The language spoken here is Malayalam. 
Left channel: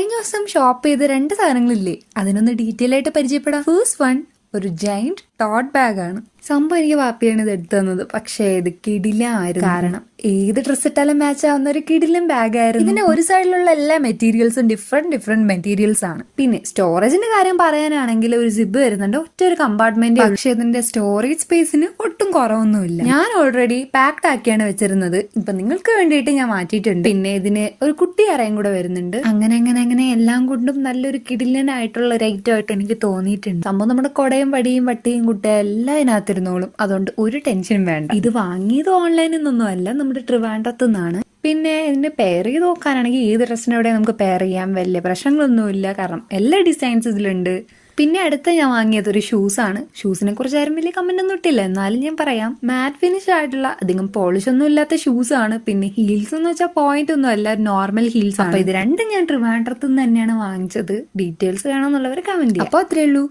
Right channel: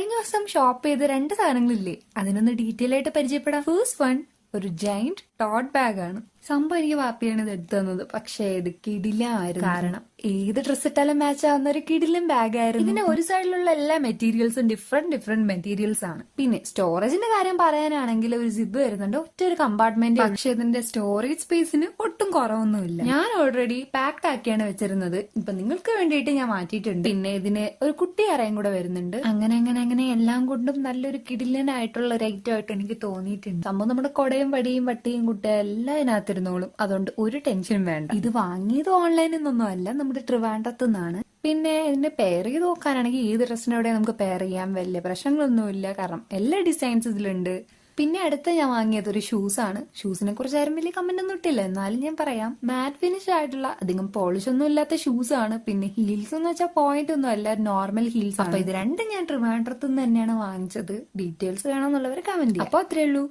കഴിഞ്ഞ ദിവസം ഷോപ്പ് ചെയ്ത് 2 സാധനങ്ങളില്ലേ, അതിനൊന്ന് ഡീറ്റെയിൽ ആയിട്ട് പരിചയപ്പെടാം. ഫസ്റ്റ് വൺ ഒരു ജൈന്റ് ടോട്ട് ബാഗ് ആണ്. സംഭവം എനിക്ക് വാപ്പിയാണ് ഇത് എടുത്തു തന്നത്. പക്ഷേ ഇത് കിടിലായിരുന്നു. കാരണം ഏത് ഡ്രസ് ഇട്ടാലും മാച്ച് ആവുന്ന ഒരു കിടിലൻ ബാഗ് ആയിരുന്നു. ഇതിന്റെ ഒരു സൈഡിലുള്ള എല്ലാ മെറ്റീരിയൽസും ഡിഫറെന്റ് മെറ്റീരിയൽസ് ആണ്. പിന്നെ സ്റ്റോറേജിന്റെ കാര്യം പറയാനാണെങ്കിൽ ഒരു സിബ് വരുന്നുണ്ട്, ഒറ്റ ഒരു കമ്പാർട്ട്മെന്റ്. പക്ഷെ ഇതിന്റെ സ്റ്റോറേജ് സ്പേസിന് ഒട്ടും കുറവൊന്നുമില്ല. ഞാൻ ഓൾറെഡി പാക്ഡ് ആക്കിയാണ് വെച്ചിരുന്നത്. ഇപ്പൊ നിങ്ങൾക്ക് വേണ്ടിയിട്ട് ഞാൻ മാറ്റിയിട്ടുണ്ട്. പിന്നെ ഇതിന് ഒരു കുട്ടി അറയും കൂടെ വരുന്നുണ്ട്. അങ്ങനെ എല്ലാം കൊണ്ടും നല്ലൊരു കിടിലനായിട്ടുള്ള ഒരു ഐറ്റം ആയിട്ട് എനിക്ക് തോന്നിയിട്ടുണ്ട്. സംഭവം നമ്മുടെ കൊടയും വടിയും വട്ടിയും കുട്ടയും എല്ലാം ഇതിനകത്തിരുന്നോളും. അതുകൊണ്ട് ഒരു ടെൻഷനും വേണ്ട. ഇത് വാങ്ങിയത് ഓൺലൈനിൽ നിന്നൊന്നും അല്ല, നമ്മുടെ ട്രിവാൻഡ്രത്ത് നിന്നാണ്. പിന്നെ ഇതിന് പെയർ ചെയ്ത് നോക്കാനാണെങ്കിൽ ഏത് ഡ്രസ്സിനോടെ നമുക്ക് പെയർ ചെയ്യാം, വലിയ പ്രശ്നങ്ങളൊന്നുമില്ല. കാരണം എല്ലാ ഡിസൈൻസ് ഇതിലുണ്ട്. പിന്നെ അടുത്ത ഞാൻ വാങ്ങിയത് ഒരു ഷൂസ് ആണ്. ഷൂസിനെ കുറിച്ച് ആരും വലിയ കമന്റ് ഒന്നും ഇട്ടില്ല, എന്നാലും ഞാൻ പറയാം. മാറ്റ് ഫിനിഷ് ആയിട്ടുള്ള അധികം പോളിഷ് ഒന്നും ഇല്ലാത്ത ഷൂസ് ആണ്. പിന്നെ ഹീൽസ് എന്ന് വെച്ചാൽ പോയിന്റ് ഒന്നും അല്ല, നോർമൽ ഹീൽസ് ആണ്. അപ്പൊ ഇത് രണ്ടും ഞാൻ ട്രിവാൻഡ്രത്ത് നിന്ന് തന്നെയാണ് വാങ്ങിച്ചത്. ഡീറ്റെയിൽസ് വേണമെന്നുള്ളവർ കമന്റ് ചെയ്യാം. അപ്പൊ അത്രേ ഉള്ളൂ.